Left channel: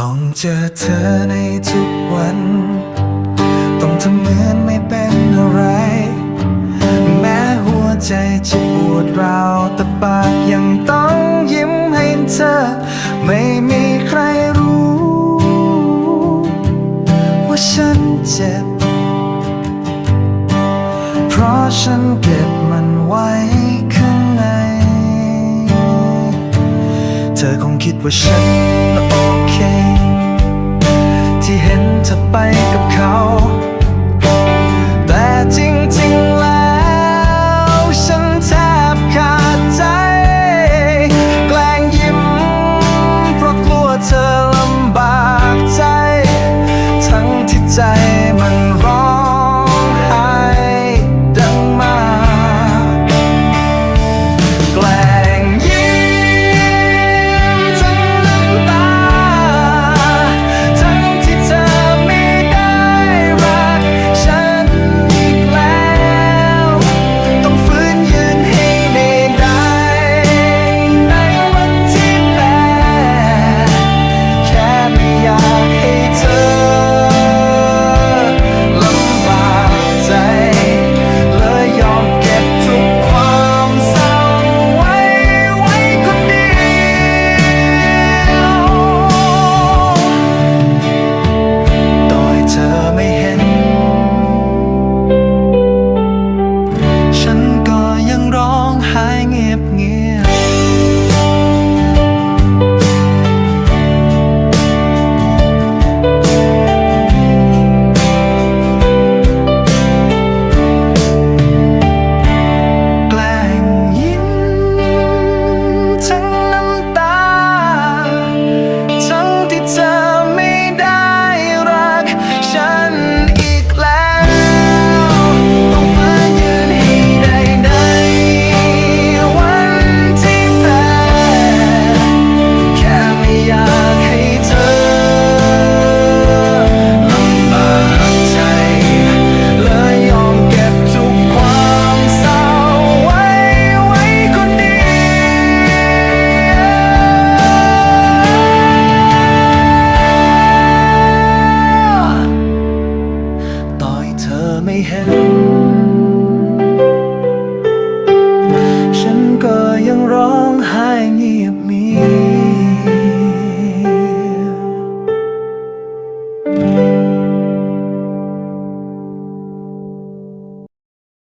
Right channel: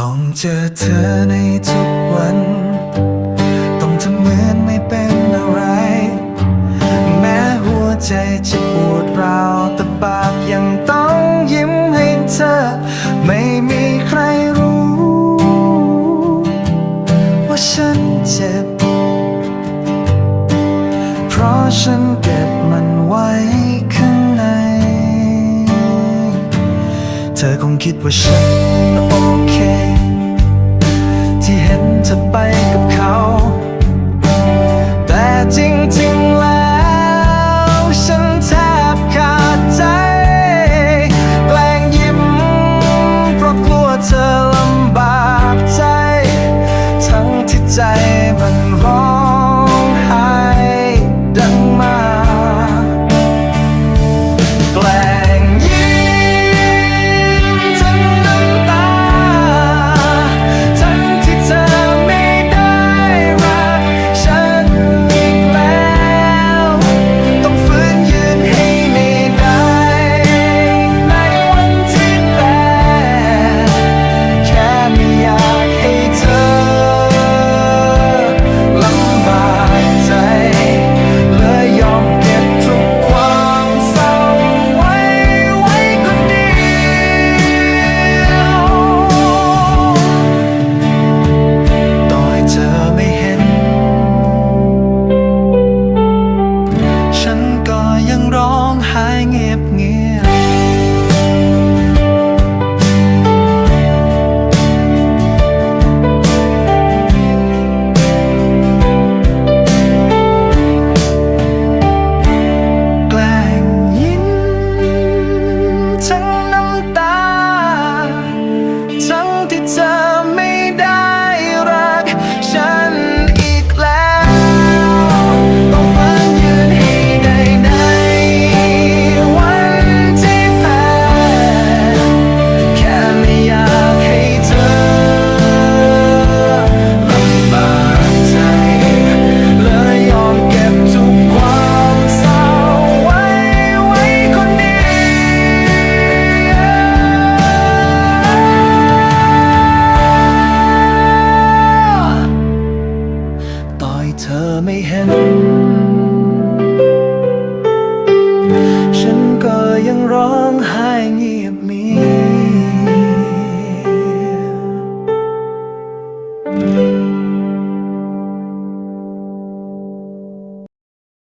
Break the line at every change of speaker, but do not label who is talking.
ต้องเจอเธอในทุกวัน ต้องทำเหมือนไม่เป็นอะไร แม้หัวใจจะปวดร้าวแต่ปากยังต้องยิ้มให้เธอ ไม่มีใครรู้ ว่าฉันเจ็บ เพราะฉันเก็บมันไว้ข้างใน เธอคงคิดว่าฉัน ที่เห็นเธอไปกับเขา แต่จริงๆแล้ว ฉันแทบขาดใจ แกล้งยิ้ม เพราะกลัวเธอลำบากใจ ทั้งที่ใจมันร้องไห้ดังมา ให้เธอลำบากใจ เลยยอมเก็บทุกความเศร้าไว้ไว้คนเดียว ต่อยเธอไม่เห็น ฉันก็ยังร้องไห้เงียบเงียบ ทั้ง ไม่เห็น ฉันก็ยังร้องไห้เงียบมี